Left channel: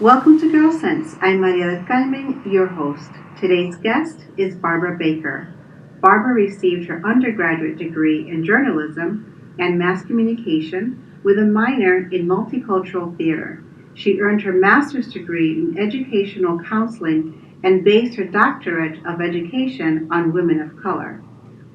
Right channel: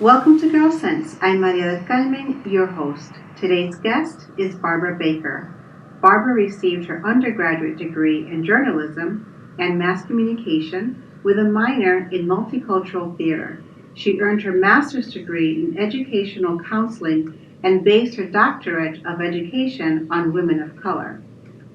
Welcome to Gyrlsense. I'm Maria del Carmen, your host. Today's guest is Barbara Baker. Barbara received her undergraduate degree in journalism and mass communication with a minor in multicultural theater. She earned her master's degree in educational counseling and based her doctorate of education on women of color.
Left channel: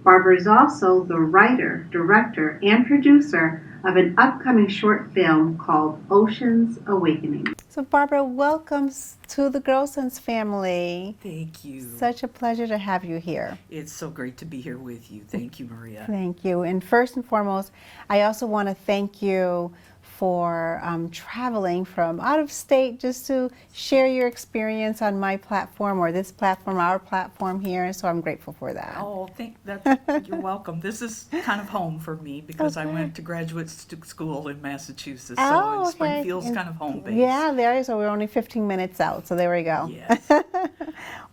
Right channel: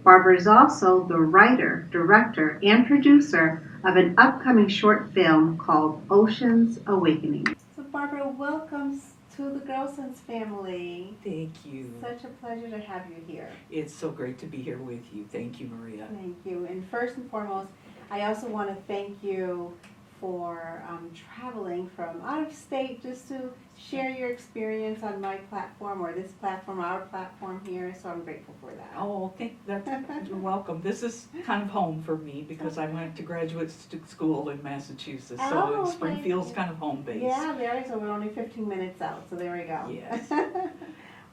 Barbara is also the writer, director, and producer of an upcoming short film called Ocean's Awakening. So, Barbara, welcome to the Gyrlsense family. Thank you. Such a pleasure to have you here. It's so great to be here with you. Thank you, Maria. Thank you. And first and foremost, I also want to thank you for traveling from out of state just to share your experience on my platform or this platform, our platform here. So I'm grateful for that. Oh, you're welcome. This is kind of home for me because I went to graduate school in Massachusetts, so Springfield's kind of home base. Yeah, there is. So we're only 15 minutes out, so there we go. Yes.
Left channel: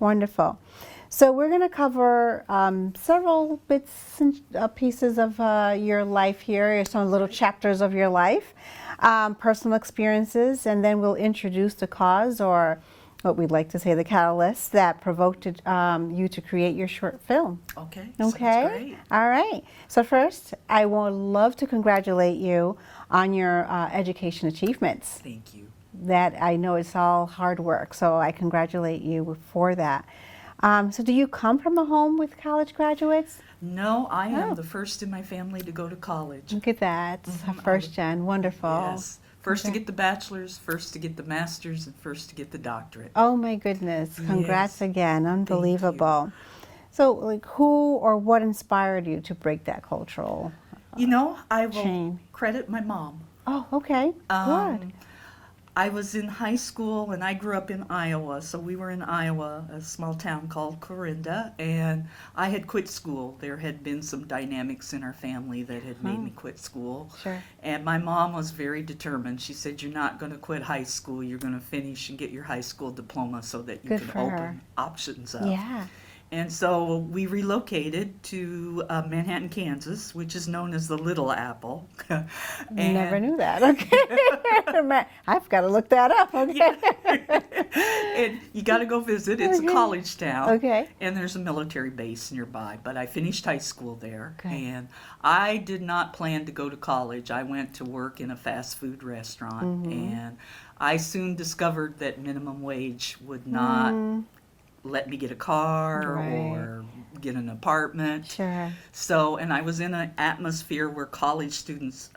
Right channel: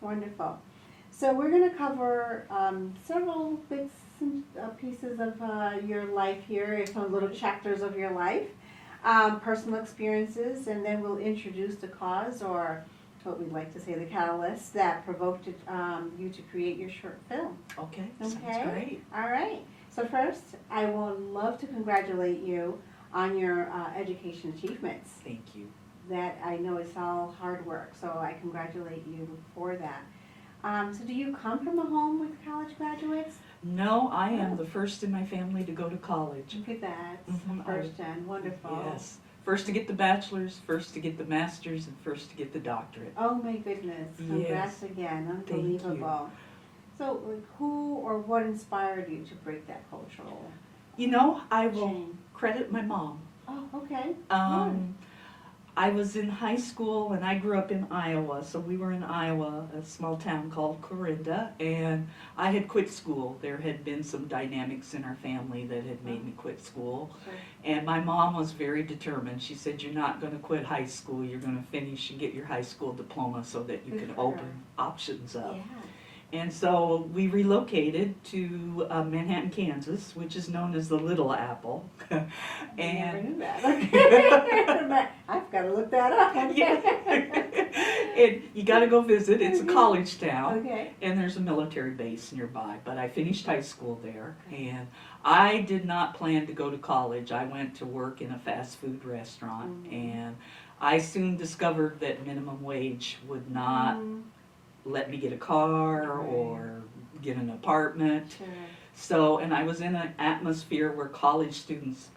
Wonderful. So we're going to cover several bits and pieces of your life here, some little chapters of your life, personal experiences, and then we'll introduce the cause, or what we'd like to say, the catalyst that provoked you to create your short film. Okay. Okay. Sounds great. All right. So first, I would love to congratulate you on your education achievements. Thank you. That I know it's all hard work, so I congratulate you for that. So do you come from a home with college graduates? No, I am the first in my family to go to college. Look at that. First gen. Wonderful. Yes. First to get the bachelor's, first to get the master's, and first to get the doctorate. Oh my goodness. Congrats Yes. again. Unbelievable. So like who or what inspired you to break that cultural I will chain? credit my mom. Oh, okay. Good. I was in high school and I grew up in Iowa, so we were in Iowa, a small town called Clarinda, and I had quit school. There had been some dynamics in our family that had made me quit school. Sure. And my mom was very determined. She said, "You're not going to quit high school. You're going to finish and get your high school diploma so that you Good can for open her. options up." Yeah. And so we relocated to Manhattan, Kansas, which is known as the Little Apple. Never knew that. Okay. I've got to look that up. Okay. And you got to go visit. It's a college town. Okay. And there's a military base nearby. But I finished high school there. Okay. And I did not plan to go to college. I went to work in a fast food restaurant. And I soon discovered that minimum wage would not let me get a car or get an apartment. Sure. So, and I was in an atmosphere where college students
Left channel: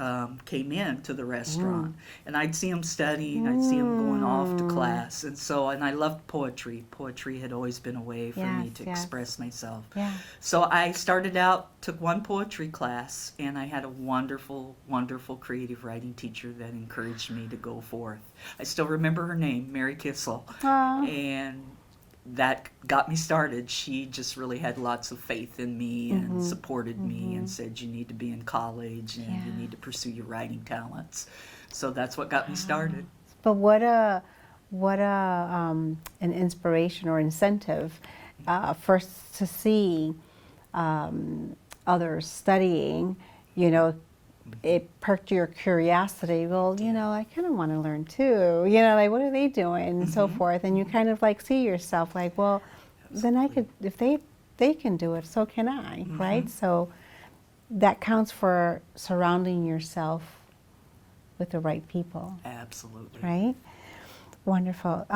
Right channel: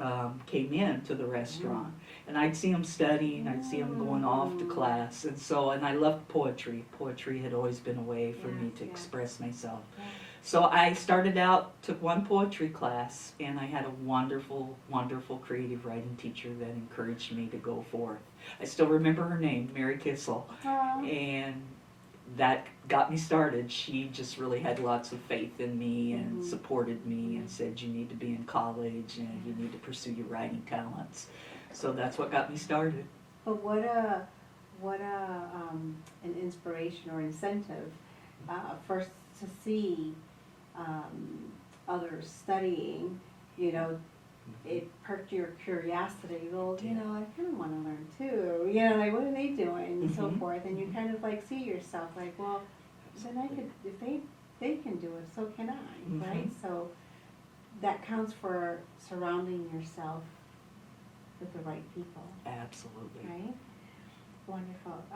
came in to the restaurant, and I'd see them studying, I'd see them going off to class, and I loved poetry. Poetry had always been a way for me to express myself. Yeah. So I started out, took one poetry class, and I had a wonderful, wonderful creative writing teacher that encouraged me to go forth. I still remember her name, Mary Kissel, and that got me started. She just really had lots of faith in me and supported me and said, "You need to be in college and you need to pursue your writing talents." So that's what got me started. But what a an inspiration or incentive first to see others studying, it perked your curiosity. Well, I kind of want to learn too. Like what are they doing and so forth. And you kind of like see yourself like, well, then I could, if they can do it, so can I, right? So that counts for surrounding yourself with the right people. Absolutely. Right? Wonderful.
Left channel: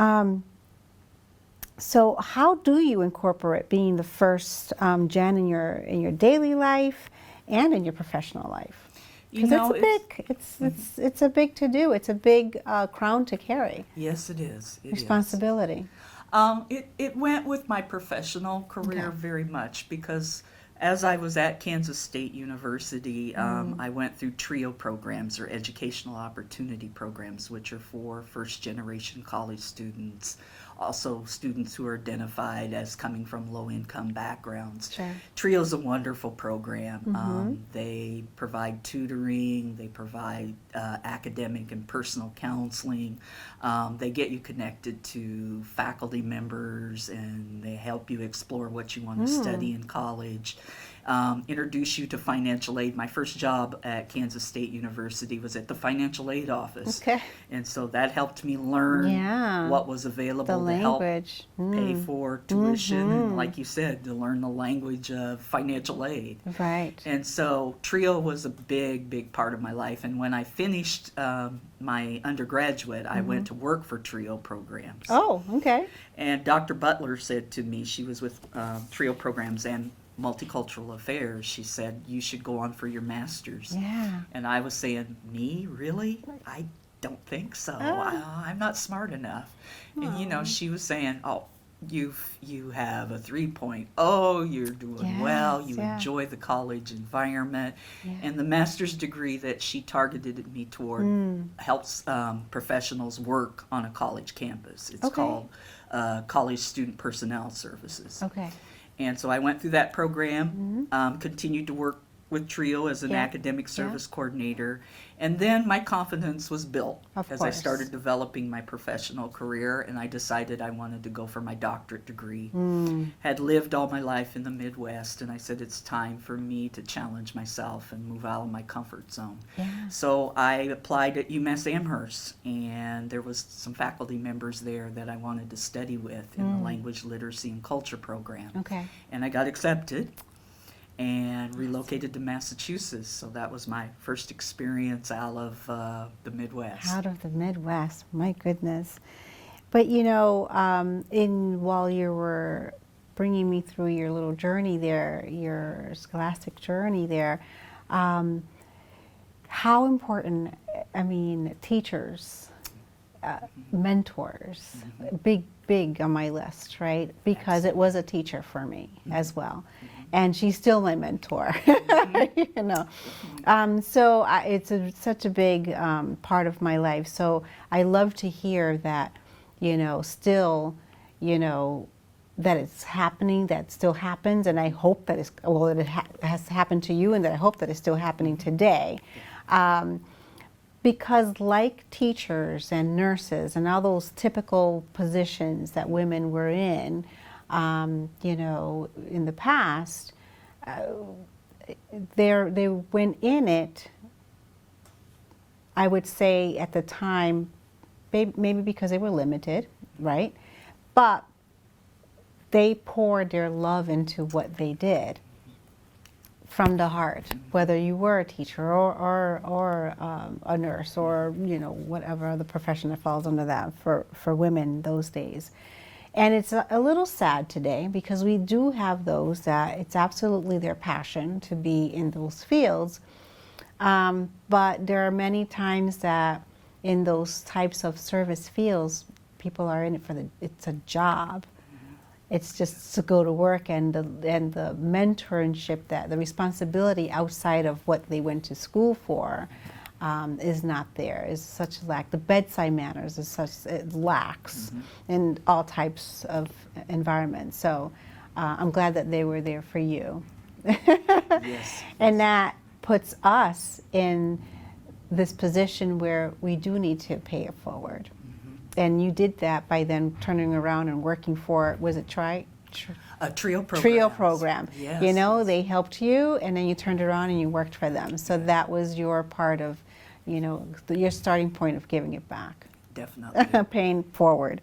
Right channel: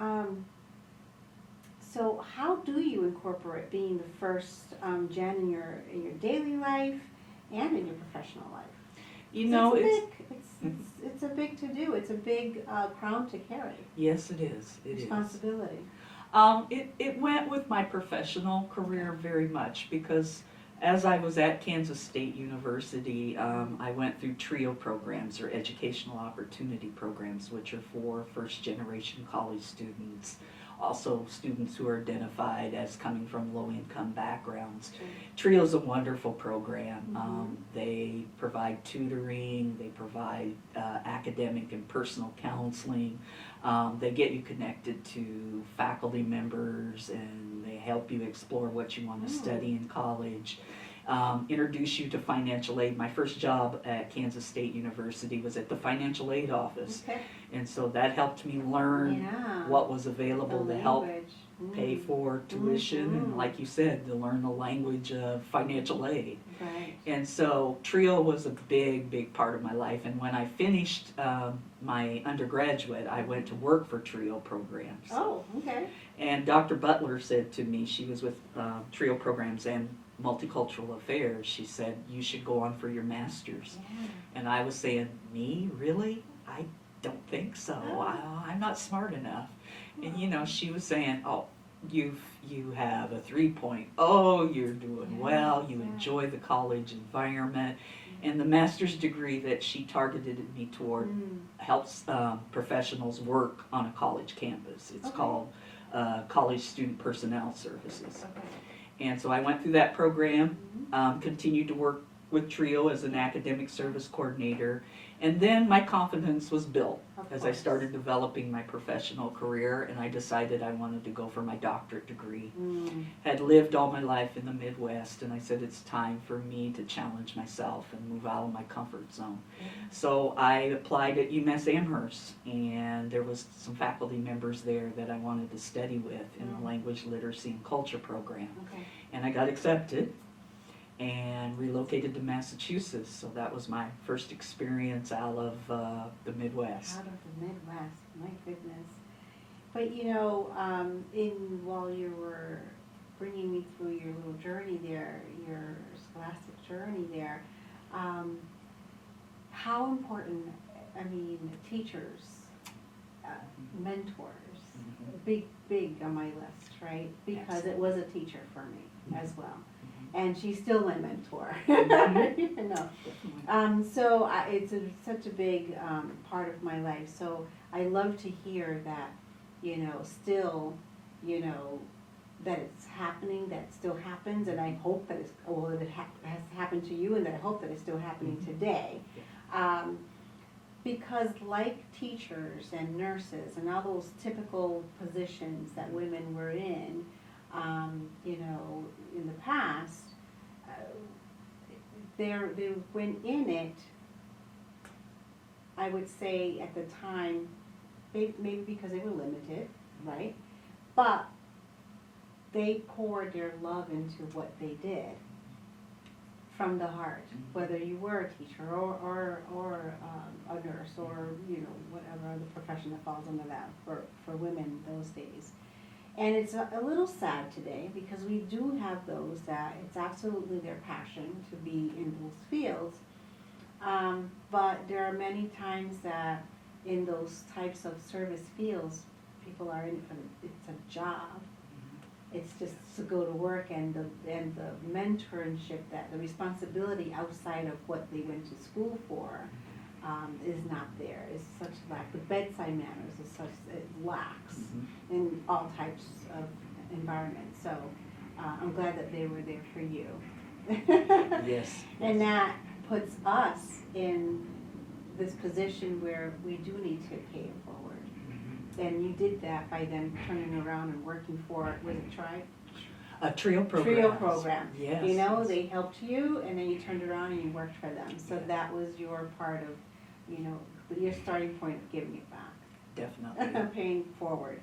So how do you incorporate being the first gen in your daily life and in your professional life? It's a big to do. It's a big crown to carry. Yes, it is. Responsibility. It went with my professional career very much because as I was at Kansas State University, I went through TRIO programs, or Educational Opportunity Programs, which are for first-generation college students, also students who are identified as coming from low-income backgrounds. Sure. TRIO is a wonderful program. They provide tutoring, they provide academic and personal counseling. They get you connected to faculty members, and they help you explore what you want to study in college. introduce you to financial aid. My first job at Kansas State University was at the financial aid office. Okay. And so that helped me learn Yeah. what was available The to help language. pay for tuition, and Mhm. like you said, to learn the language of financial aid. Right. And so TRIO was a big part of my life. And when I finished my undergraduate, I went to work for TRIO programs. Oh, okay. And Dr. Butler said to me, she was with TRIO programs and multicultural affairs, she said, you should go on for your master's. Yeah. And I was saying, me? Really? I don't think so. I'm not smart enough. And, you know, she was saying, oh, you have a 3.0, you're doing well, you enjoy the college environment. And the master's degree that she targeted me toward helps professionals work on a college campus. It's called College Student Personnel Services. Okay. And so I went through that program, continued to work with TRIO as an academic service coordinator, and then my confidence was built as I started developing my professional career, and I decided I wanted to go for my doctorate degree. Had lived all my life in the Midwest, and I said it's time for me to challenge myself and move out of my comfort zone. So I applied at UMass Amherst, and there was some faculty members there that I wanted to study with in the language literacy and culture program. Okay. And I got accepted and relocated to Massachusetts. So that was my first experience out of the Midwest. Out of the Midwest, my goodness. But you know, while you were bringing me through your little journey there, your scholastic journey there, how important, I mean, teachers, mentors, big on my list, right? Because it was a teacher for me as well. And she's still my mentor, you know. So it's such a big part of my life. So I love to hear that, you know, still, you know, that it's happening, that still happens, and I hope that it's, well, it has happened to you, and that I hope that it's still happening today. Because like teachers and nurses and all those typical positions that women were in, you know, in the past, they went in it, I would say at the time, maybe because they were limited, right? But they poured their love into what they did from the heart, whether you were a teacher or a nurse or, you know, whatever other profession that falls under that for women those days. And it's a little sad today because we do have those that it's absolutely their passion to be in those fields. But there are many times that in those types of service fields, people are in it for it's a job. It's just to go to work, and the mentorship, that the responsibility outside of what they went to school for is not there. Is such lack. The bedside manners is such, it lacks in all types of environments. So I'm glad that they were there for you. Yes. And that puts us in this position where we do need to pay it forward. And you did that by then turning around and working for, was it A TRIO program. TRIO program. Yes. You know, they helped you, and then you turned around and you worked for them. So that was your part of, you know, your starting point of giving it back. Definitely. Paying forward.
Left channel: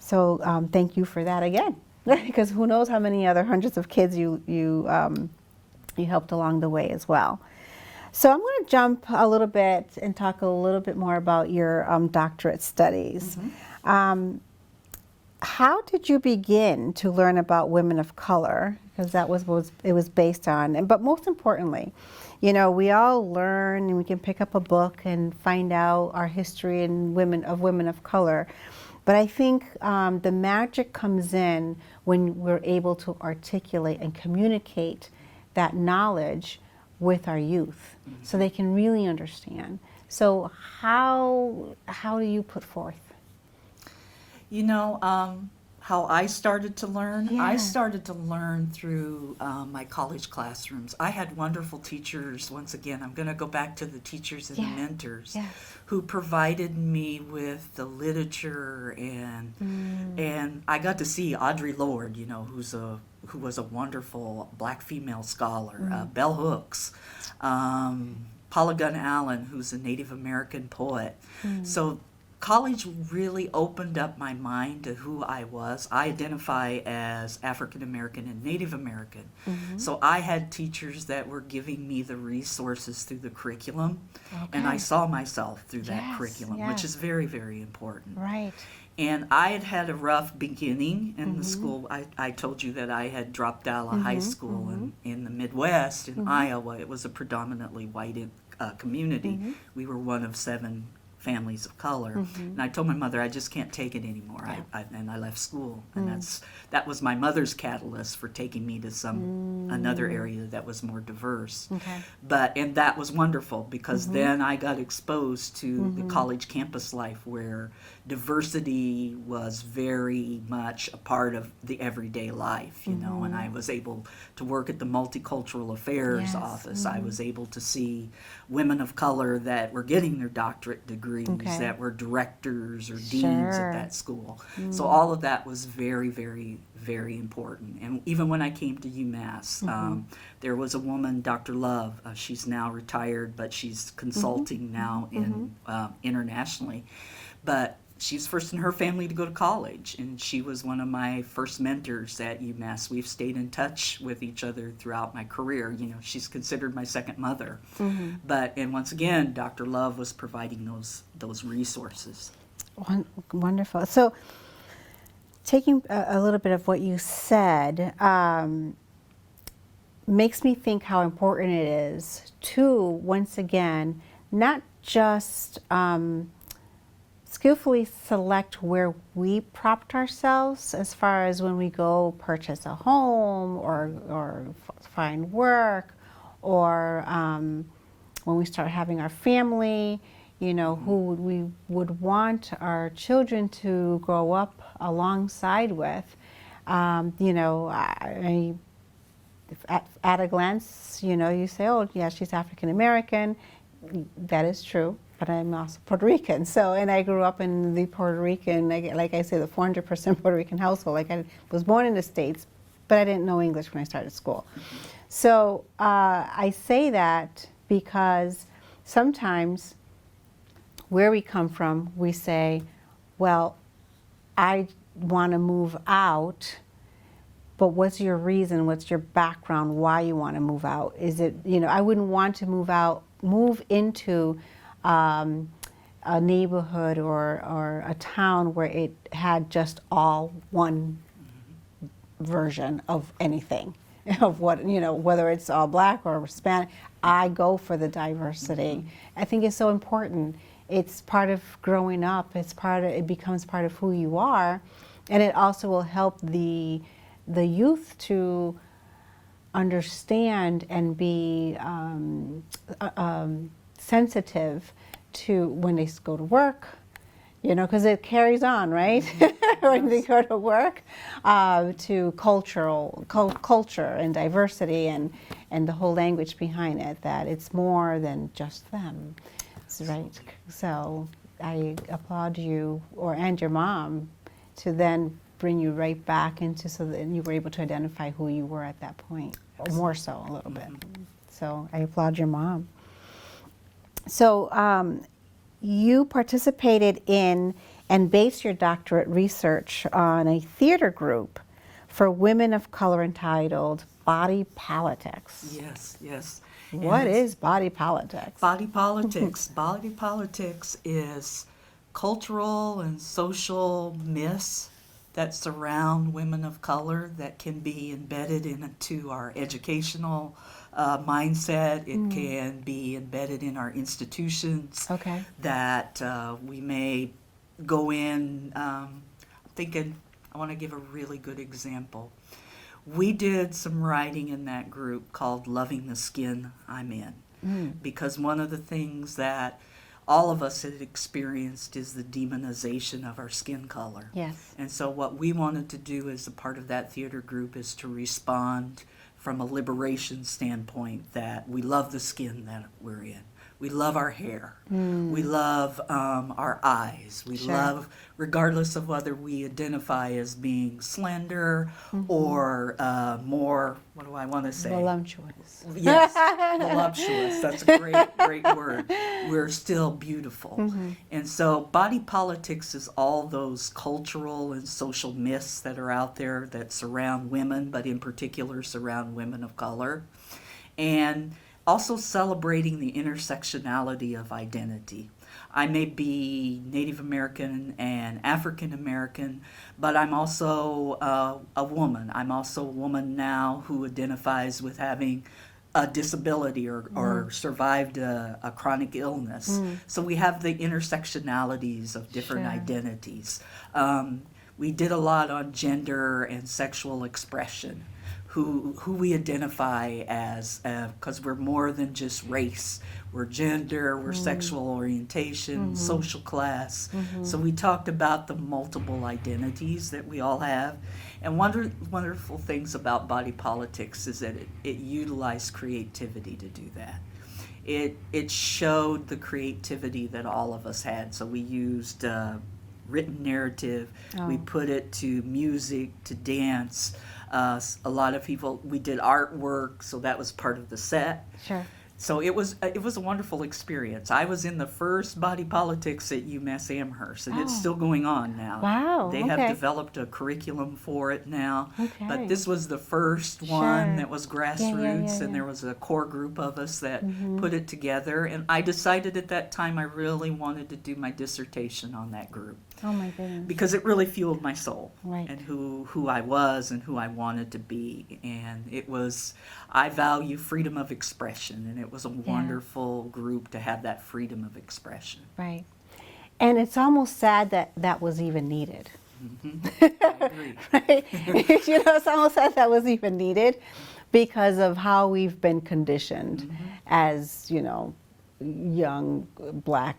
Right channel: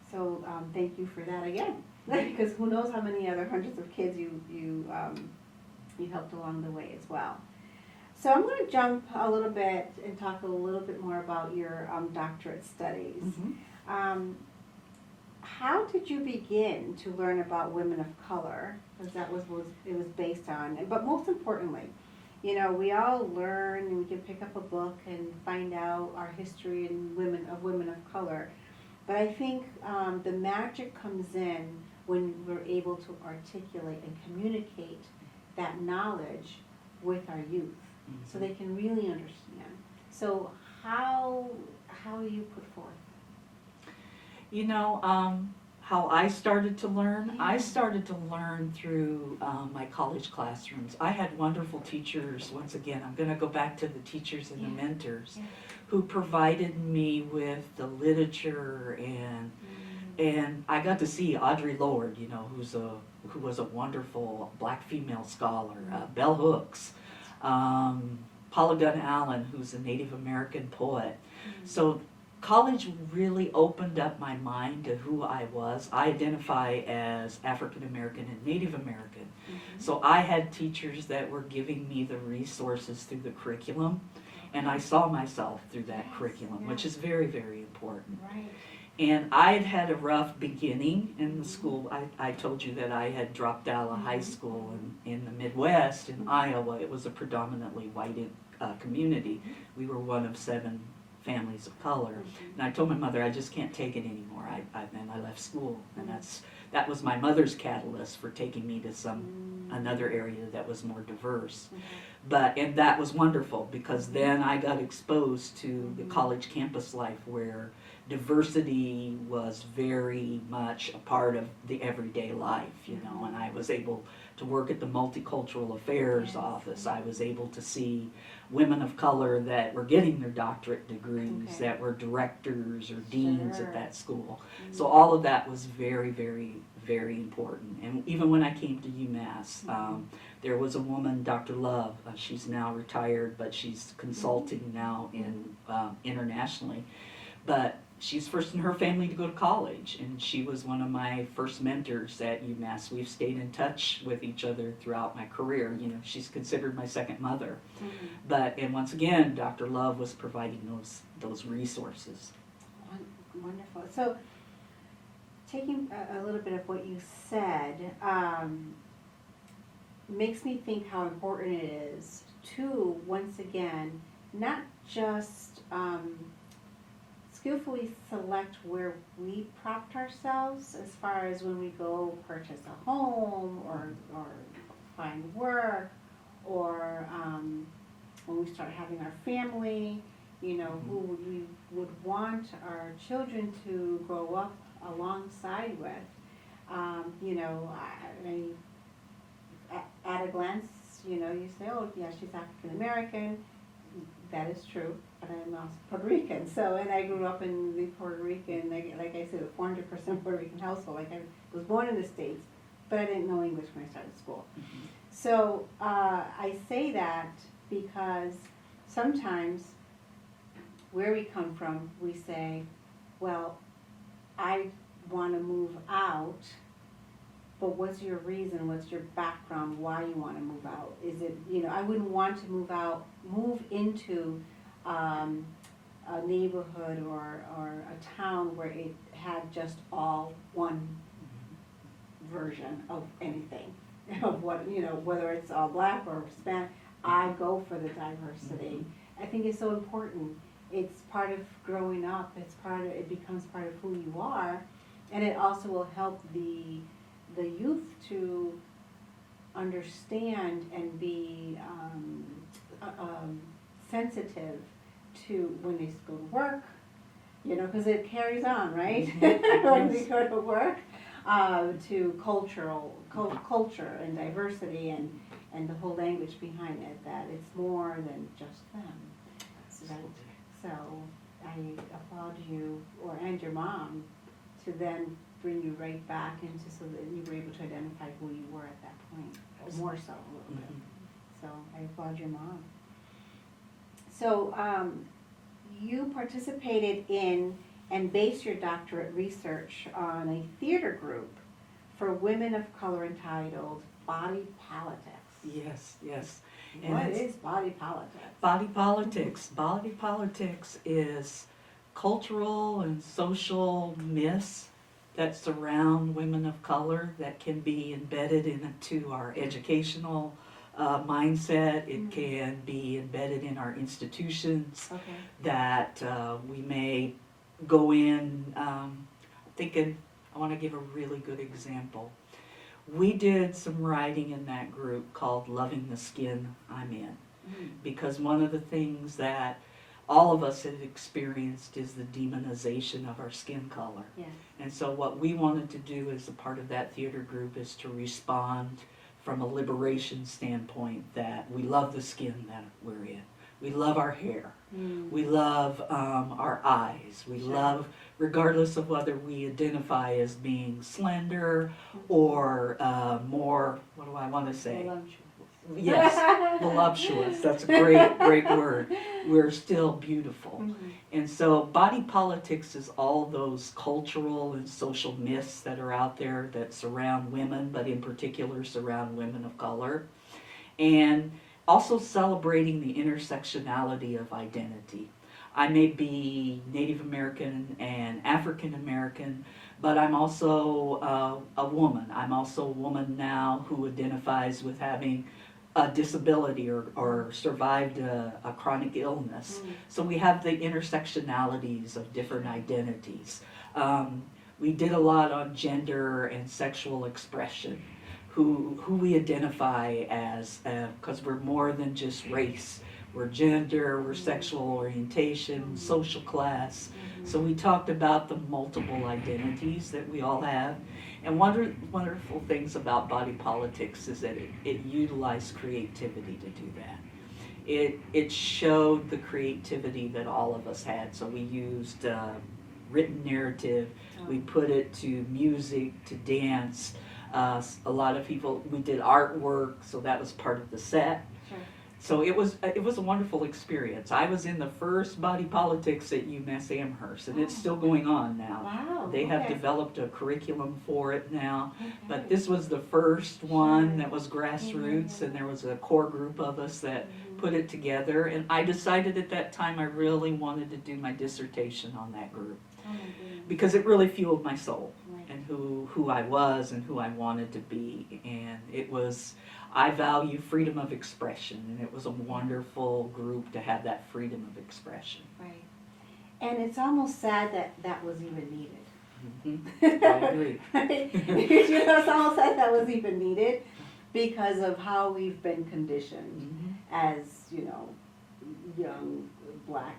So thank you for that again, because who knows how many other hundreds of kids you helped along the way as well. So I'm going to jump a little bit and talk a little bit more about your doctorate studies. How did you begin to learn about women of color? Because that was what it was based on. But most importantly, you know, we all learn and we can pick up a book and find out our history and women of color. But I think the magic comes in when we're able to articulate and communicate that knowledge with our youth, so they can really understand. So how do you put forth? You know, how I started to learn? Yeah. I started to learn through my college classrooms. I had wonderful teachers. Once again, I'm going to go back to the teachers and the mentors who provided me with the literature, and I got to see Audre Lorde, you know, who was a wonderful black female scholar, Bell Hooks, Paula Gunn Allen, who's a Native American poet. So college really opened up my mind to who I was. I identify as African American and Native American. So I had teachers that were giving me the resources through the curriculum, and I saw myself through that curriculum, which is very, very important. Right. And I had a rough beginning in the school. I told you that I had dropped out of high school in the Midwest, in Iowa. It was a predominantly white community. We were one of 7 families of color. And I told my mother, I just can't take it anymore. And I left school. And that was my mother's catalyst for taking me to another area that was more diverse. And that was wonderful, because then I got exposed to the college campus life, where diversity was very much a part of the everyday life, you know, and I was able to work at the Multicultural Affairs office. I was able to see women of color that were getting their doctorate degrees, that were directors or deans at that school. So all of that was very, very, very important. And even when I came to UMass, there was a woman, Dr. Love. She's now retired, but she's consulting now in internationally. But she's first in her family to go to college, and she was one of my first mentors at UMass. We've stayed in touch with each other throughout my career. You know, she's considered my second mother. And once again, Dr. Love was providing those resources. Wonderful. So, taking a little bit of what you said, makes me think how important it is to, once again, not just skillfully select where we propped ourselves, as far as when we go purchase a home or find work, or when we start having our family, you know, who we would want our children to grow up alongside with. You know, at a glance, you know, you say, oh, yeah, she's African American. That is true, but I'm also Puerto Rican. So, and I grew up in the Puerto Rican, like I say, the 400% Puerto Rican household. Like, I was born in the States, but I didn't know English when I started school. So I say that because sometimes where we come from, we say, well, I want to move out, but what's your reason? What's your background? Why you want to move out? Is it, you know, I wouldn't want to move into a neighborhood or a town where it had just all one version of anything, of what, you know, whether it's all black or Hispanic. I go for the diversity. I think it's so important. It's part of growing up. It becomes part of who you are, and it also will help the youth to understand and be sensitive to when they go to work, you know, because it carries on, right? When they go to work, to culture and diversity and the whole language behind it, that it's more than just them. Right. So I applaud you and your mom to then bring you right back into, so that you were able to identify who you were at that point, or more so a little bit. So I applaud your mom. So you participated in and based your doctorate research on a theater group for women of color entitled Body Politics. Yes, yes. What is body politics? Body politics. Body politics is cultural and social myths that surround women of color that can be embedded into our educational mindset. It can be embedded in our institutions. Okay. That we may go in thinking, I want to give a really good example. We did some writing in that group called Loving the Skin I'm In, because one of the things that all of us have experienced is the demonization of our skin color. Yes. And so what we wanted to do as a part of that theater group is to respond from a liberation standpoint, that we love the skin that we're in. We love our hair. We love our eyes. We Sure. love, regardless of whether we identify as being slender or more, what do I want to say? Voluptuous. Yes, voluptuous. That's a great word. We're still beautiful. And so body politics is all those cultural and social myths that are out there that surround women, but in particular surround women of color. And also celebrating the intersectionality of identity. I may be Native American and African American, but I'm also a woman. I'm also a woman now who identifies with having a disability or survived a chronic illness. So we have the intersectionalities of different Sure. identities. We did a lot on gender and sexual expression, who we identify as, because we're more than just race. We're gender, we're sexual orientation, social class. So we talked about the multiple identities that we all have. And one of the wonderful things about body politics is that it utilized creativity to do that. It showed the creativity that all of us had. So we used written narrative, we put it to music, to dance. A lot of people, we did artwork, so that was part of the set. Sure. So it was a wonderful experience. I was in the first body politics at UMass Amherst, and it's still going on now. Wow. They okay. have developed a curriculum for it now, Okay. but this was the first one Sure. that was grassroots, yeah. and there was a core group of us that Mm-hmm. put it together. And I decided at that time I really wanted to do my dissertation on that group Oh my goodness. because it really fueled my soul Right. and who I was and who I wanted to be. And it was, I value freedom of expression, and it was a wonderful group to have that freedom of expression. Right. And it's almost sad that that was even needed. I agree. Right? You know, it's almost sad that was even needed because of how we've been conditioned as, you know, young black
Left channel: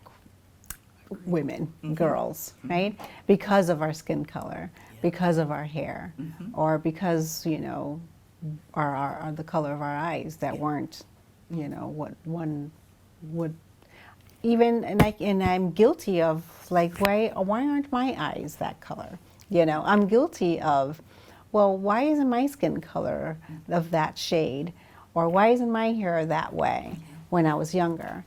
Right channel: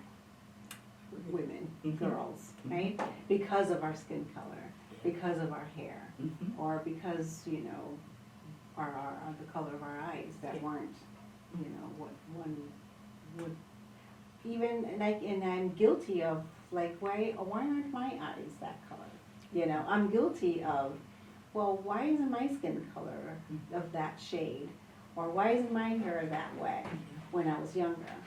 women, girls, right? Because of our skin color, because of our hair, or because, you know, our the color of our eyes that weren't, you know, what one would even, and I'm guilty of, like, why aren't my eyes that color? You know, I'm guilty of, well, why isn't my skin color of that shade, or why isn't my hair that way when I was younger?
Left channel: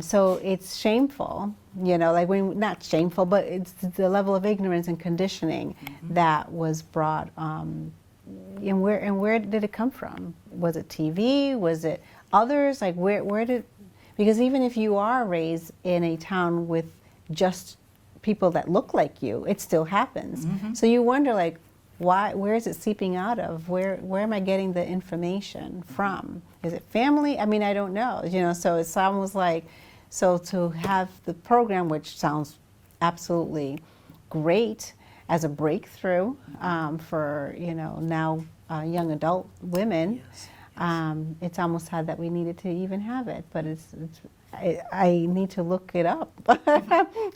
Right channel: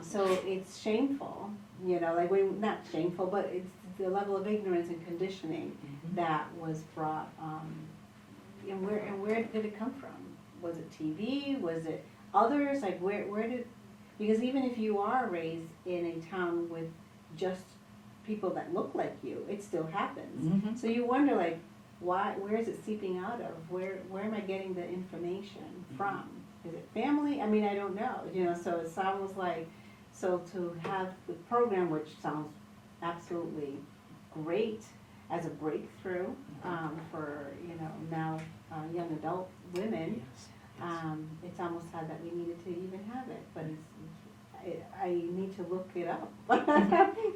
So it's shameful, you know, like, not shameful, but it's the level of ignorance and conditioning that was brought. And where did it come from? Was it TV? Was it others? Like, where did? Because even if you are raised in a town with just people that look like you, it still happens. So you wonder, like, why? Where is it seeping out of? Where am I getting the information from? Is it family? I mean, I don't know. You know, so it's almost like, so to have the program, which sounds absolutely great as a breakthrough for, you know, now young adult women. It's almost sad that we needed to even have it, but I need to look it up.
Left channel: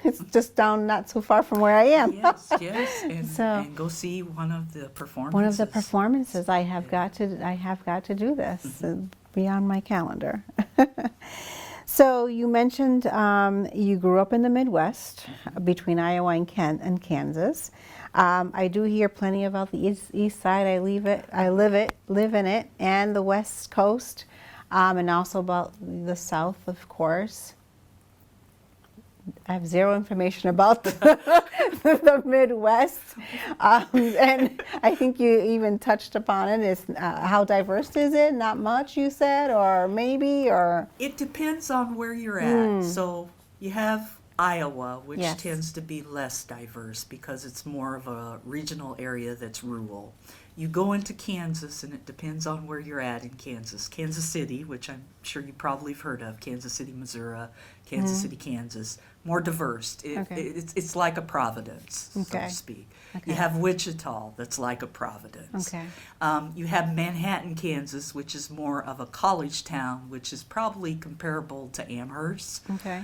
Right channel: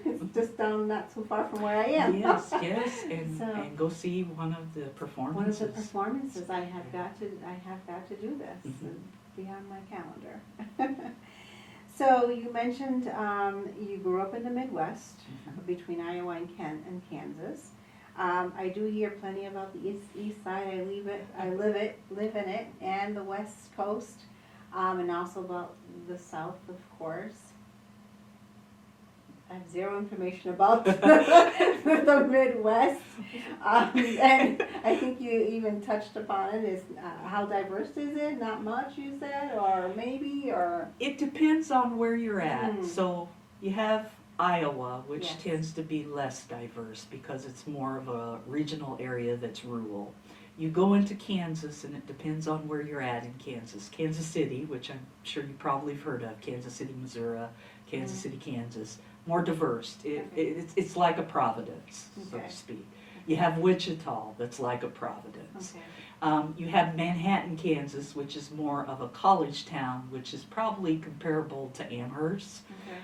It's just down not so far from where I am. Yes, and go see one of the performances. One of the performances. I have got to do this. Be on my calendar. So you mentioned you grew up in the Midwest, between Iowa and Kansas. I do hear plenty about the east side. I live in it, and the West Coast, and also about the South, of course. I have zero information about the Midwest, and I think you even touched upon it. Is how diverse is it? Not much, you said, or maybe, or It depends on where you're at. So you have Iowa, which Yes. tends to be less diverse because it's more of a regional area that's rural. You go into Kansas, and it depends on where you're at in Kansas. Kansas City, which I'm sure you probably have heard of, Kansas City, Missouri, Kansas City, Kansas. more diverse. Okay. It's like a Providence, so Okay. to speak. Okay. You have Wichita, that's like a Providence. Okay. You have Manhattan, Kansas, which is more of a college town, which is probably comparable to Amherst. Okay.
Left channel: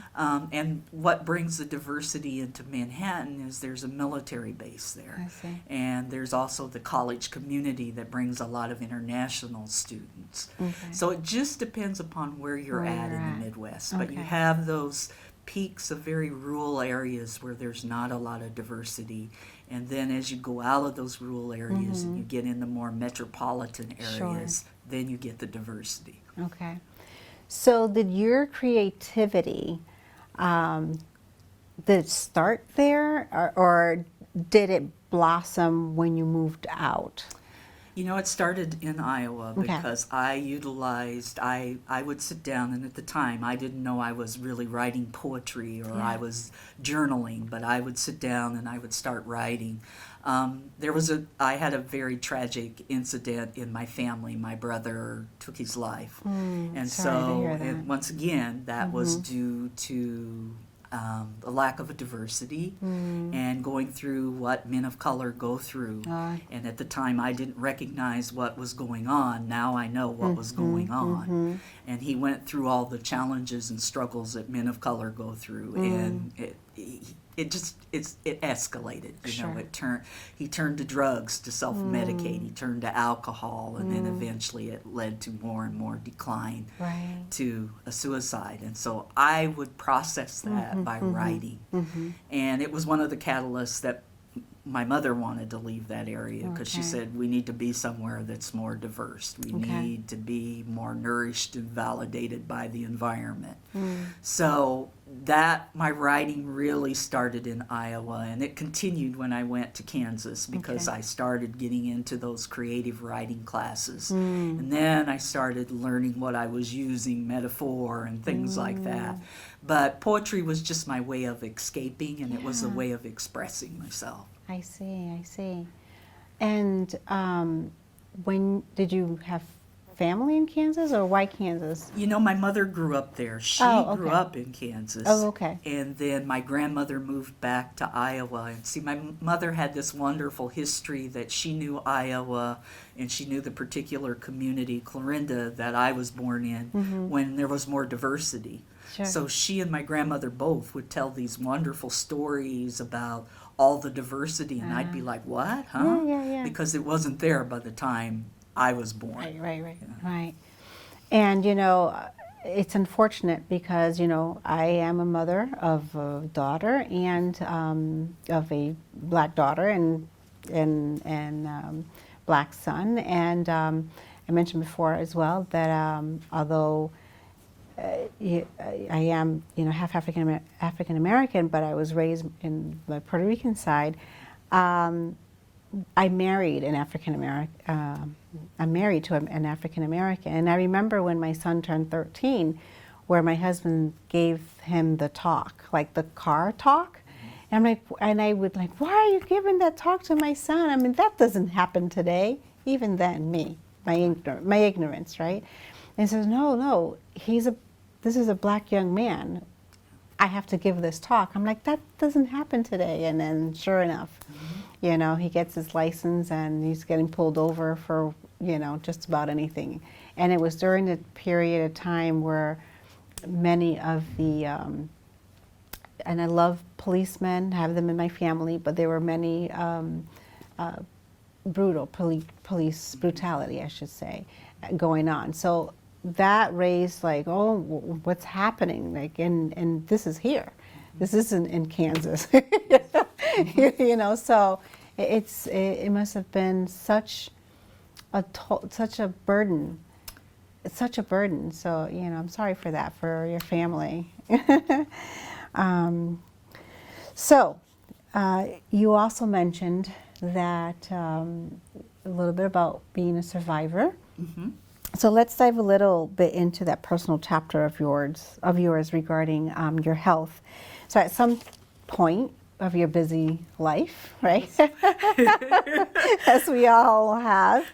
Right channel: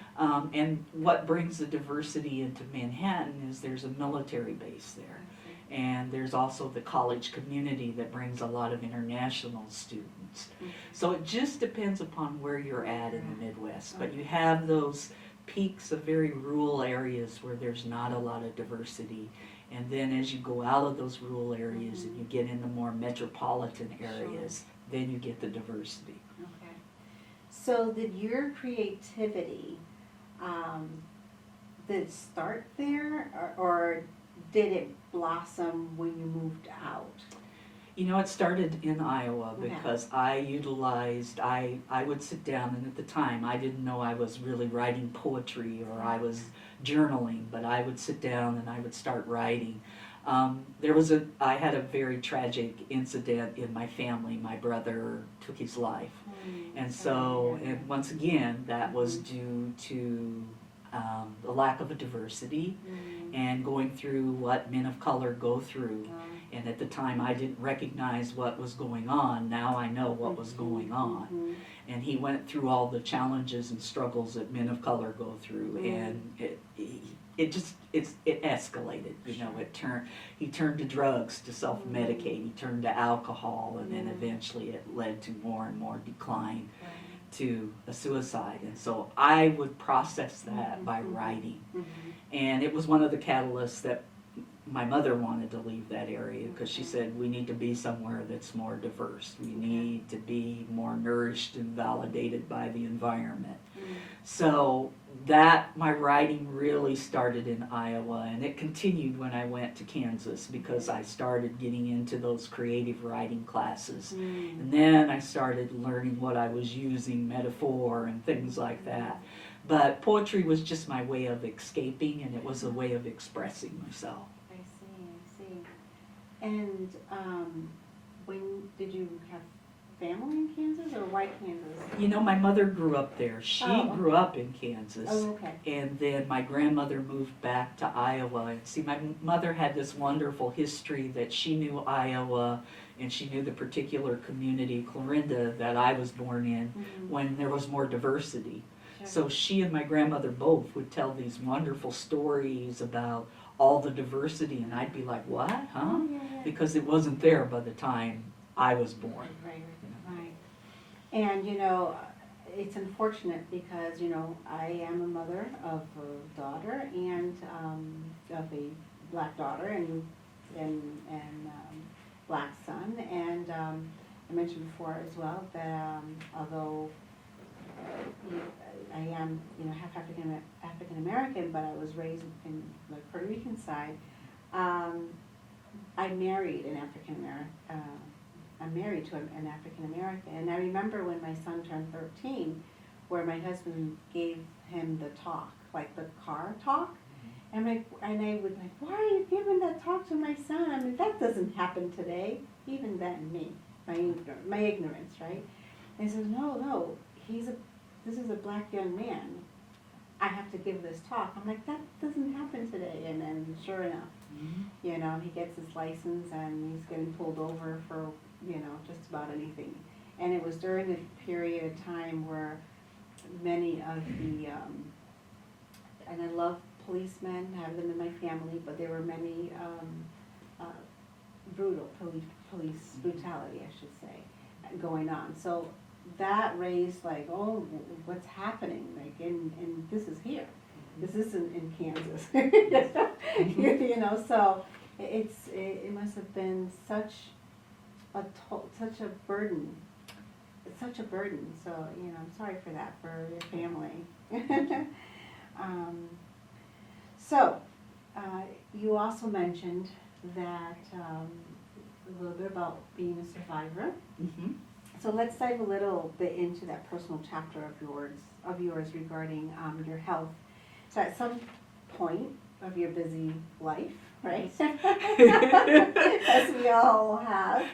And what brings the diversity into Manhattan is there's a military base there. I see. And there's also the college community that brings a lot of international students. Okay. So it just depends upon where you're Where at you're in at. the Midwest. But you Okay. have those peaks of very rural areas where there's not a lot of diversity. And then as you go out of those rural areas and you get in the more metropolitan areas, then you get the diversity. Okay. So did your creativity, did it start there, or did it blossom when you moved out? You know, it started in Iowa Okay. because I would sit down, and at the time I didn't know I was really writing poetry or I was journaling, but I would sit down and I would start writing. I had a very tragic incident in my family. My brother took his life. And sorry to so, hear that. and once again, that was due to the lack of a diversity and going through what men of color go through. And at the time, I didn't recognize what was going on. Now I know what was going on. And he went through all the challenges and struggles that men of color go through, and it escalated. You know, he turned to drugs to self-medicate. He turned to alcohol, and then eventually it led to more and more decline to a suicide. And so I would process that by writing. And it was one of the catalysts that my mother wanted to leave that area because she said we need to be somewhere that's more diverse. We need to be more nourished and validated by the environment. So that my writing really started in Iowa, and it continued when I went to Kansas because I started getting into those creative writing classes. And then I started learning what I was using, metaphor and things like that. But poetry was just my way of escaping, and it was a way of expressing myself. I see. And when did you have family in Kansas, or why Kansas? You know, my mother grew up there. She grew up in Kansas. Oh, okay. And then my grandmother moved back to Iowa. And see, my mother had this wonderful history that she knew Iowa, and she knew the particular community, Clarinda, that I was born in, when there was more diversity. Sure. So she and my grandmother both would tell these wonderful stories about all the diversity, and I'd be like, what, huh? Yeah. Because it wasn't there by the time I was born. Right. And, you know, it's unfortunate because, you know, I am a mother of a daughter and of a black daughter and black son. And I mentioned before as well that although I am, you know, half African American, but I was raised in the Puerto Rican side. I married an African American. I'm married to an African American, and I remember when my son turned 13, where my husband gave him the talk, like the car talk, and I would like, why are you giving that talk to my son? I mean, that doesn't happen today. Even then, my ignorance, right? And he says, no, this is a black young man. I have to give this talk. I'm like, that doesn't happen today. And then sure enough, you know, he gets his license and he's getting pulled over for, you know, just about anything. And it was during the period of time where many of the, and I love policemen, have them in my family, but there were many police brutality, I should say, going on. So that raised like, oh, what's happening? Like, and this is here. This isn't in Kansas. You know, so it must have been such a burden. It's such a burden. So, you know, I'm sorry for that, for your family. So, you also mentioned that a little bit about being a survivor. So let's dive a little bit into that personal chapter of yours regarding your health. So at some point of your busy life, right? As we all have,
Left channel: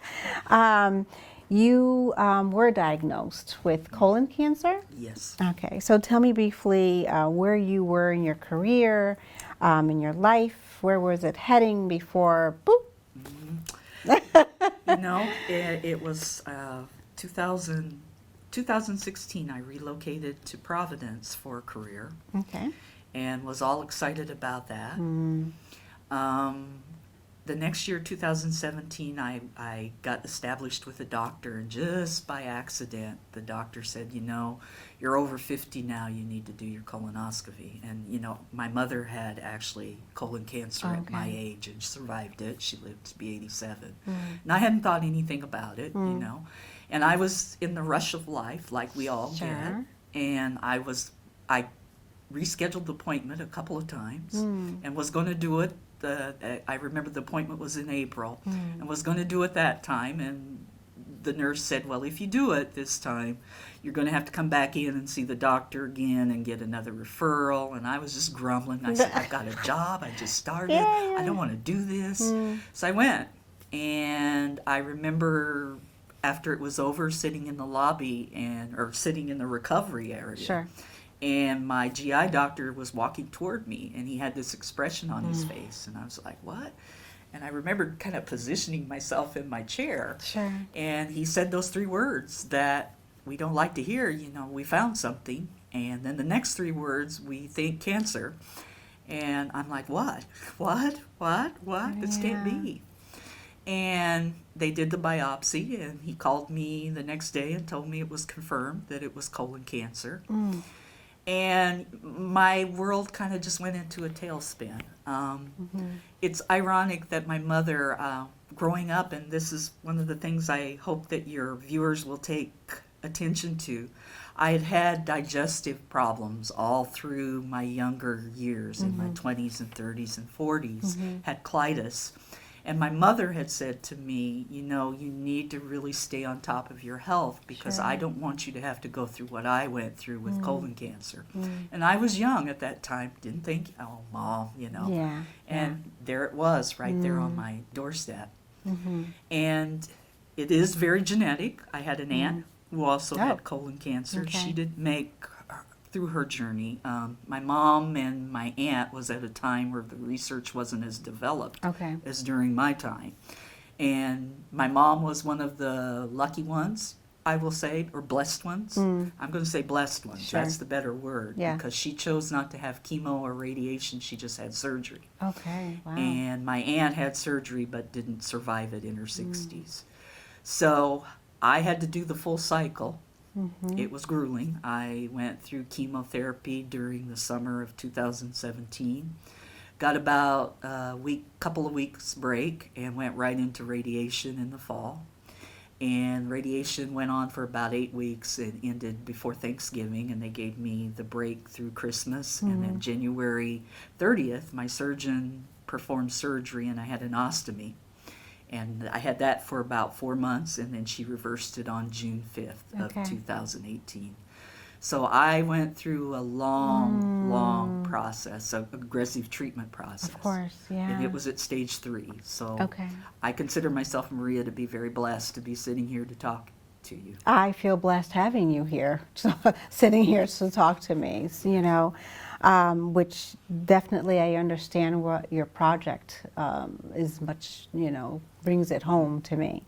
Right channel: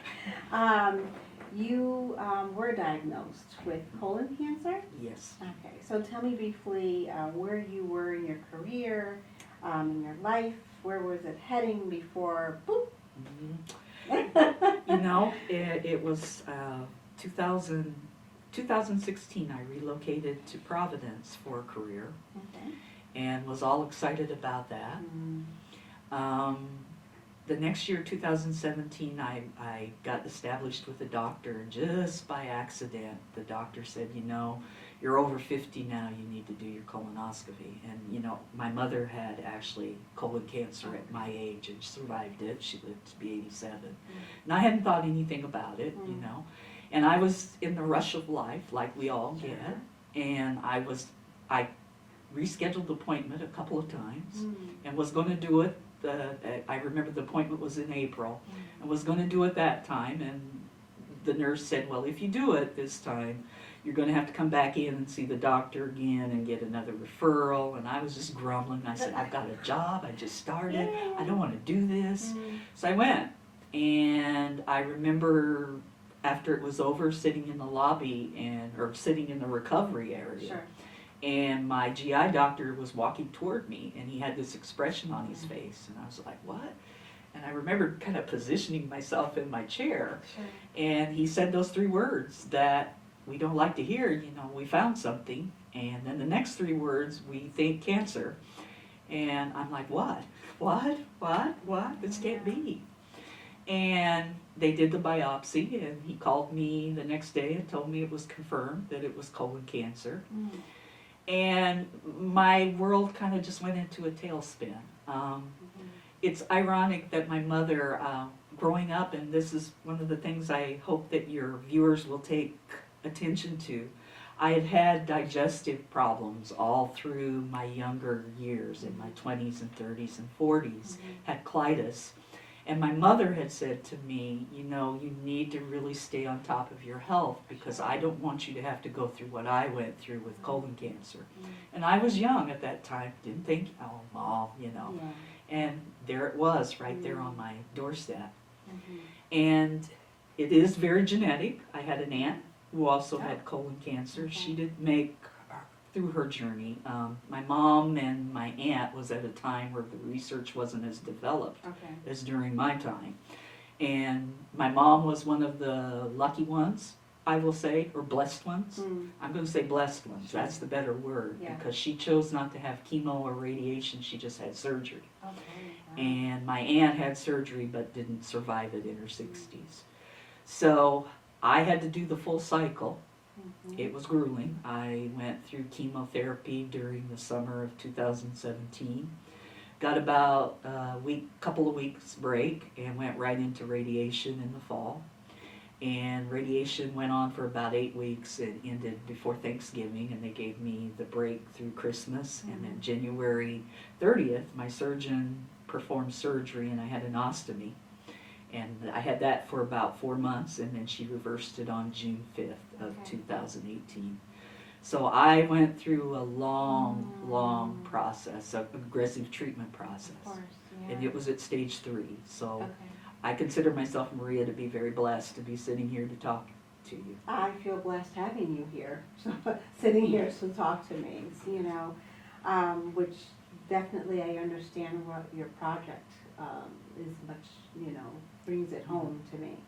You were diagnosed with colon cancer? Yes. Okay, so tell me briefly where you were in your career, in your life. Where was it heading before, boop? You know, it was 2016. I relocated to Providence for a career Okay. and was all excited about that. The next year, 2017, I got established with a doctor, and just by accident, the doctor said, you know, you're over 50 now, you need to do your colonoscopy. And, you know, my mother had actually colon cancer at my age and survived it. She lived to be 87. And I hadn't thought anything about it, you know. And I was in the rush of life, like we all get. And I rescheduled the appointment a couple of times and was going to do it. I remember the appointment was in April and was going to do it that time, and the nurse said, well, if you do it this time, you're going to have to come back in and see the doctor again and get another referral. And I was just grumbling. I said, I've got a job, I just started, I don't want to do this. So I went, and I remember after it was over, sitting in the lobby or sitting in the recovery area. And my GI doctor was walking toward me, and he had this expression on his face, and I was like, what? And I remember kind of positioning myself in my chair. And he said those 3 words that we don't like to hear, you know, we found something. And then the next 3 words, we think cancer. And I'm like, what? What? This can't be. And they did the biopsy, and he called me the next day and told me it was confirmed that it was colon cancer. And my world kind of just went into a tailspin. It's ironic that my mother, growing up, and this is one of the things I hope that your viewers will take attention to, I had had digestive problems all through my younger years, in my 20s and 30s and 40s, had colitis. And my mother had said to me, you know, you need to really stay on top of your health, because I don't want you to have to go through what I went through with colon cancer. And I was young at that time, didn't think, oh, Mom, you know. And there it was, right there on my doorstep. And it is very genetic. I had an aunt who also had colon cancer. She didn't make through her journey. My mom and my aunt was at a time where the research wasn't as developed as during my time. And my mom was one of the lucky ones, I will say, or blessed ones. I'm going to say blessed ones. That's the better word, because she chose not to have chemo or radiation. She just had surgery. And my aunt had surgery but didn't survive it in her 60s. So I had to do the full cycle. It was grueling. I went through chemotherapy during the summer of 2017. Got about a couple of weeks break, and went right into radiation in the fall. And radiation went on for about 8 weeks and ended before Thanksgiving, and they gave me the break through Christmas. And then January 30th, my surgeon performed surgery, and I had an ostomy. And I had that for about 4 months, and then she reversed it on June 5th of 2018. So I went through a long process, an aggressive treatment process. Of course, And it was at stage 3. So I consider myself, Maria, to be very blessed to be sitting here to talk to you. I feel blessed having you here, sitting here to talk to me, you know. Which definitely I understand what your project is much, you know, brings it home to me.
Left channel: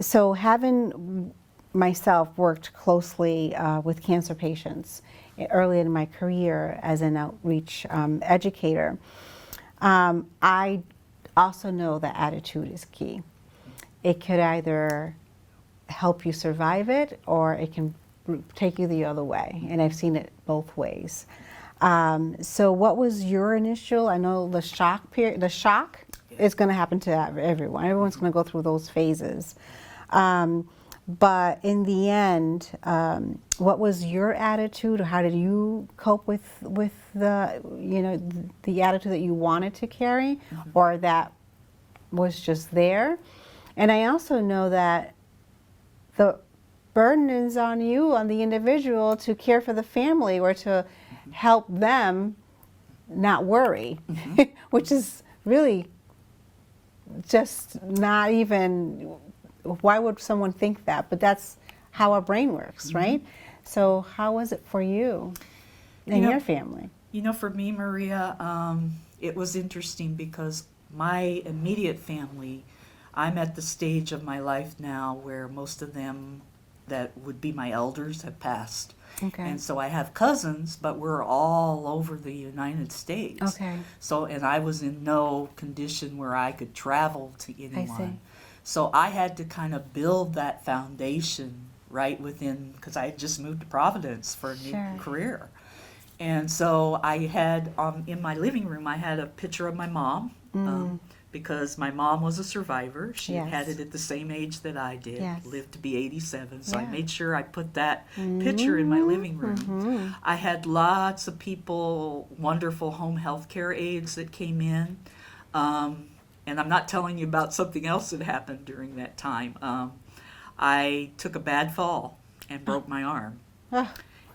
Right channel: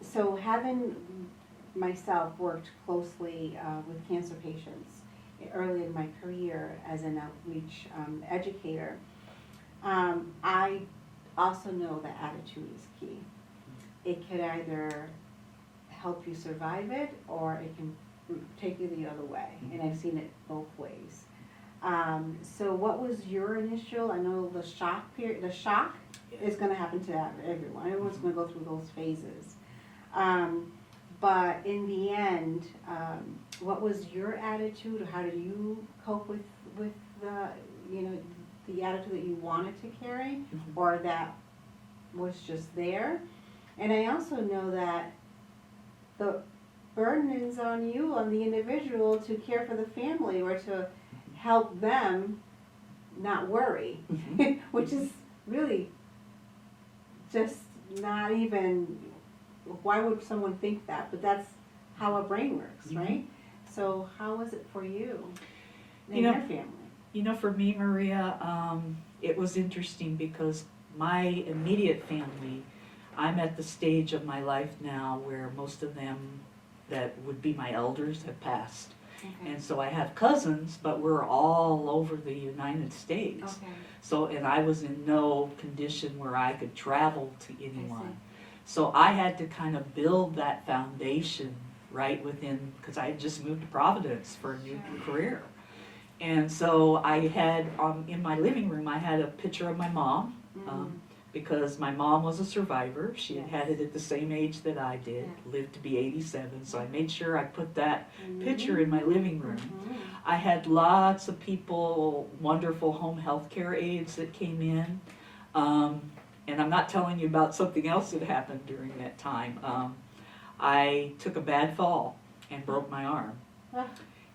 So having myself worked closely with cancer patients early in my career as an outreach educator, I also know that attitude is key. It could either help you survive it, or it can take you the other way, and I've seen it both ways. So what was your initial, I know the shock period, the shock is going to happen to everyone. Everyone's going to go through those phases. But in the end, what was your attitude, or how did you cope with the, you know, the attitude that you wanted to carry, or that was just there? And I also know that the burden is on you, on the individual, to care for the family or to help them not worry, which is really just not even why would someone think that? But that's how our brain works, right? So how was it for you and You know- your family? You know, for me, Maria, it was interesting because my immediate family, I'm at the stage of my life now where most of them that would be my elders have passed. Okay. And so I have cousins, but we're all over the United States. Okay. So, and I was in no condition where I could travel to see. anyone. So I had to kind of build that foundation right within, because I had just moved to Providence for a new Sure. career. And so I had, in my living room, I had a picture of my mom, because my mom was a survivor. She Yes. had it at the same age that I did, Yes. lived to be 87. So I Yeah. made sure I put that picture in my living room. I had lots of people, wonderful home health care aides that came in. And I'm not telling you about something else that happened during that time. I took a bad fall and broke my arm. Ah.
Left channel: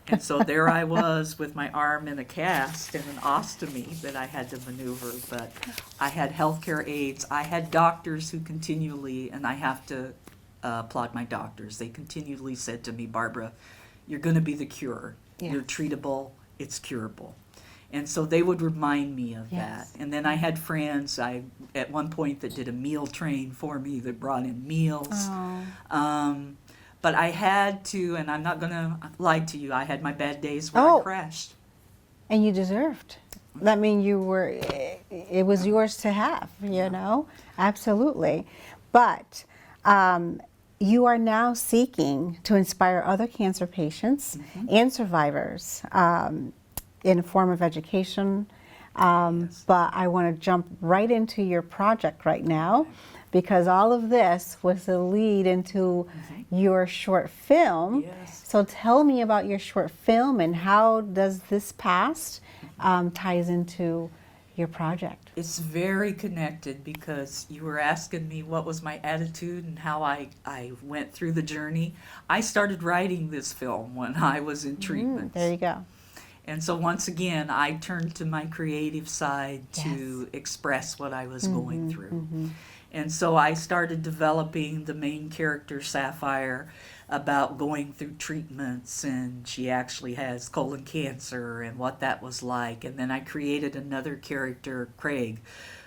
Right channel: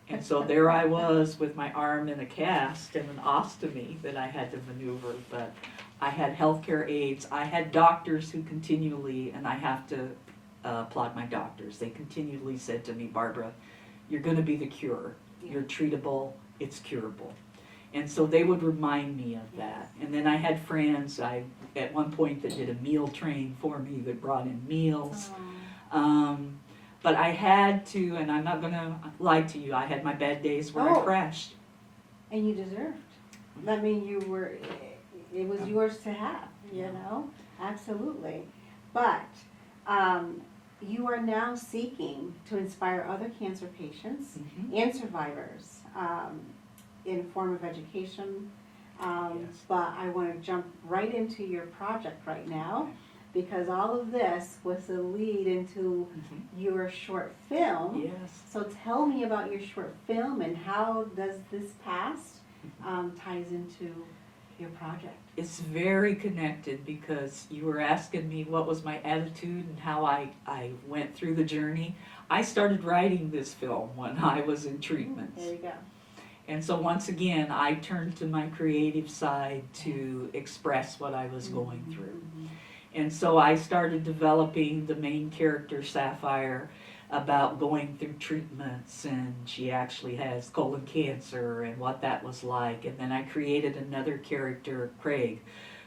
And so there I was with my arm in a cast and an ostomy that I had to maneuver. But I had healthcare aides. I had doctors who continually, and I have to applaud my doctors, they continually said to me, Barbara, you're going to be the cure. Yeah. You're treatable. It's curable. And so they would remind me of Yes. that. And then I had friends at one point that did a meal train for me that brought in meals. Oh. But I had to, and I'm not going to lie to you, I had my bad days where Oh. I crashed. And you deserved. I mean, it was yours to have, you know? Absolutely. But you are now seeking to inspire other cancer patients and survivors in a form of education. Yes. But I want to jump right into your project right now, because all of this was a lead into your short film. Yes. So tell me about your short film and how does this past ties into your project? It's very connected because you were asking me what was my attitude and how I went through the journey. I started writing this film when I was in treatment. There you go. And so once again, I turned to my creative side to express what I was going through. And so I started developing the main character, Sapphire, about going through treatments, and she actually has colon cancer and what that was like. And then I created another character, Craig,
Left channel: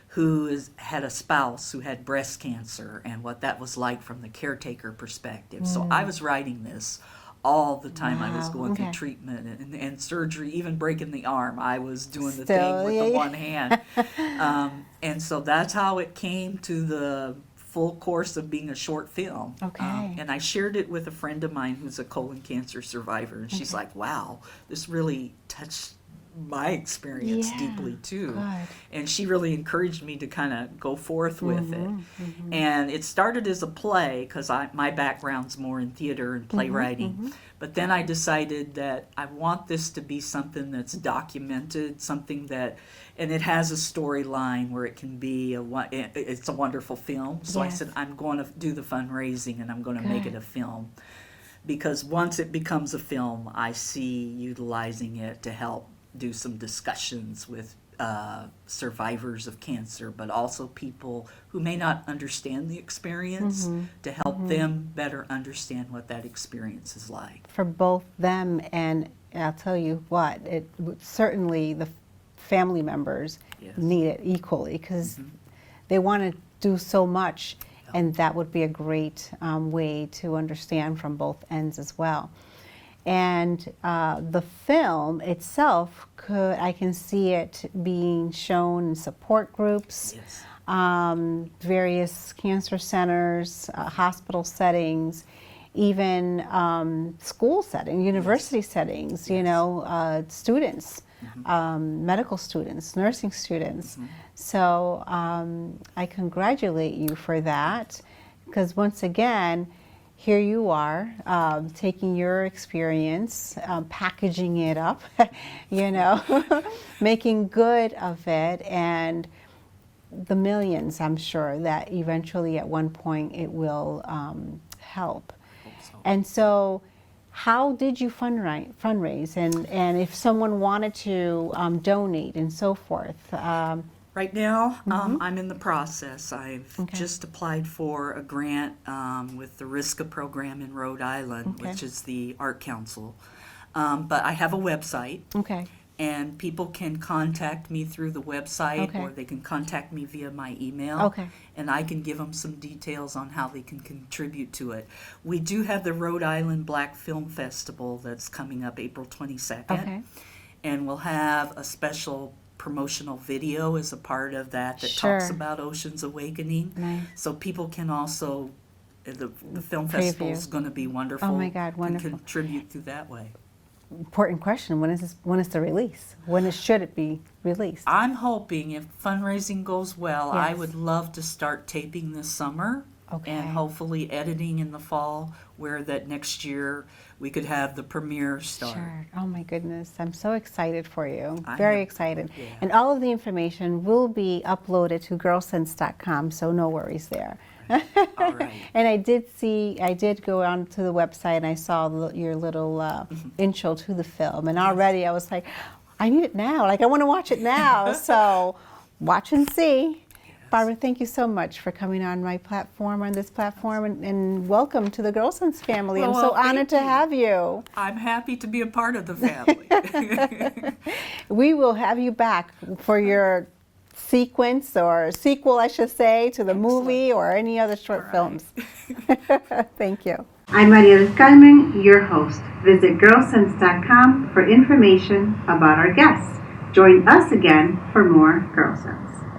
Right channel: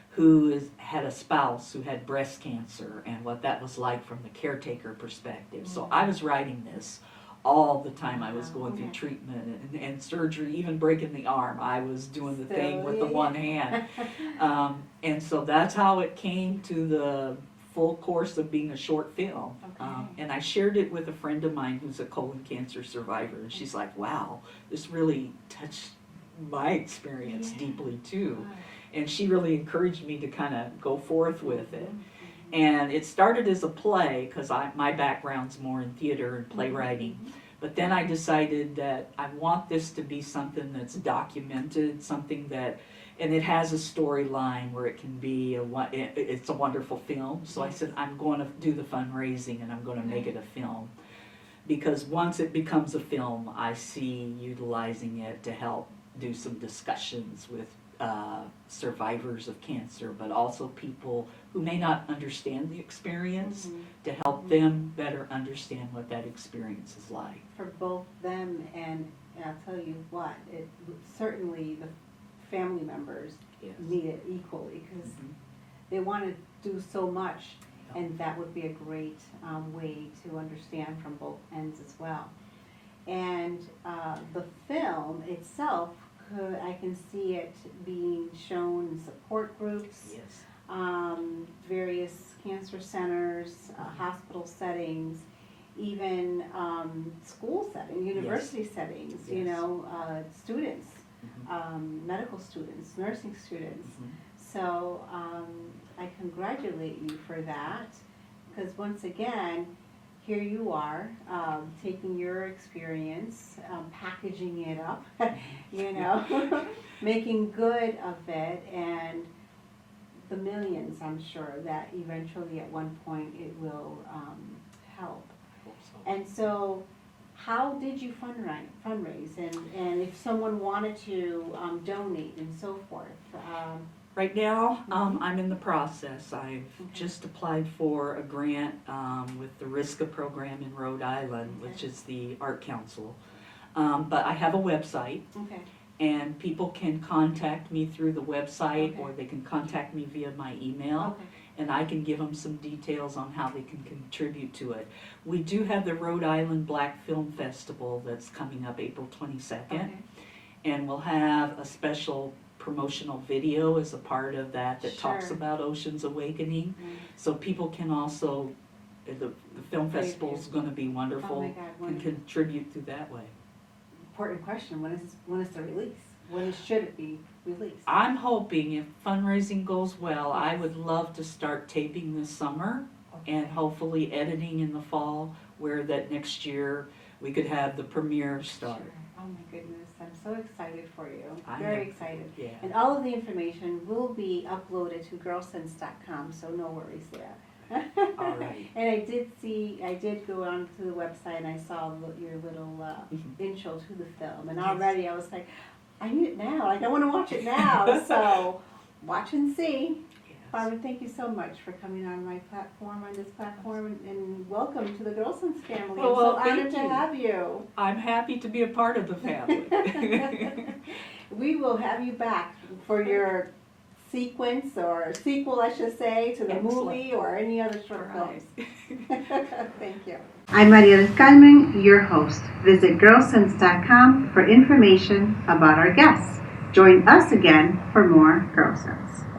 who had a spouse who had breast cancer and what that was like from the caretaker perspective. So I was writing this all the time. I was going through treatment and surgery, even breaking the arm. I was doing the thing with the one hand. And so that's how it came to the full course of being a short film. Okay. And I shared it with a friend of mine who's a colon cancer survivor. And she's like, wow, this really touched my experience deeply too. Good. And she really encouraged me to kind of go forth with it. And it started as a play because my background's more in theater and playwriting. But then I decided that I want this to be something that's documented, something that, and it has a storyline where it can be it's a wonderful film. So I said, I'm going to do the fundraising and I'm going to make it a film. Because once it becomes a film, I see utilizing it to help do some discussions with survivors of cancer, but also people who may not understand the experience, to help them better understand what that experience is like. For both them and I'll tell you what, certainly the family members need it equally because they want to do so much, and that would be a great way to understand from both ends as well. And the film itself, I can see it being shown in support groups, various cancer centers, hospital settings, even school settings, university settings, you know, students, medical students, nursing students. So I congratulate you for that, because once again, here you are, taking your experience, packaging it up, you know, making good of it, and the millions, I'm sure, that eventually at one point it will help. And so how did you fundraise? And if someone wanted to donate and so forth, Right now, I'm in the process. I've Okay. just applied for a grant with the RISCA program in Rhode Island, Okay. which is the Art Council. But I have a website, Okay. and people can contact me through the website, Okay. or they can contact me via my email. Okay. And I can give them some details on how they can contribute to it. We do have the Rhode Island Black Film Festival that's coming up April 22nd. Okay. And we'll have a special promotional video as a part of that talks Sure. about Ocean's Awakening. Nice. So people can also, the film festival is going to be wonderful. Oh my God, wonderful. And contribute through that way. Important question. When is the release? Should it be released? I'm hoping if fundraising goes well, I Yes. would love to start taping this summer Okay. and hopefully editing in the fall, where that next year we could have the premiere start. Sure. Oh my goodness. I'm so excited for you. I Very am. excited. Yeah. And all of the information will be uploaded to Gyrlsense.com, so no worries there. All right. And I did go onto the website and I saw your little intro to the film. And already I was like, I need it now. Like, I want to watch it now. So watch and see. Barbara, thank you so much for coming on this platform, and welcome to the Gyrlsense family. I'm so Well, thank honored to you. have you. I'm happy to be a part of the family. We will have you back for your sequence or sequel, I should say, to the Excellent. movie or any other short All films. right. Thank you. I'm Maria del Carmen, your host. Visit Gyrlsense.com for information about our guests. Join us again for more Gyrlsense.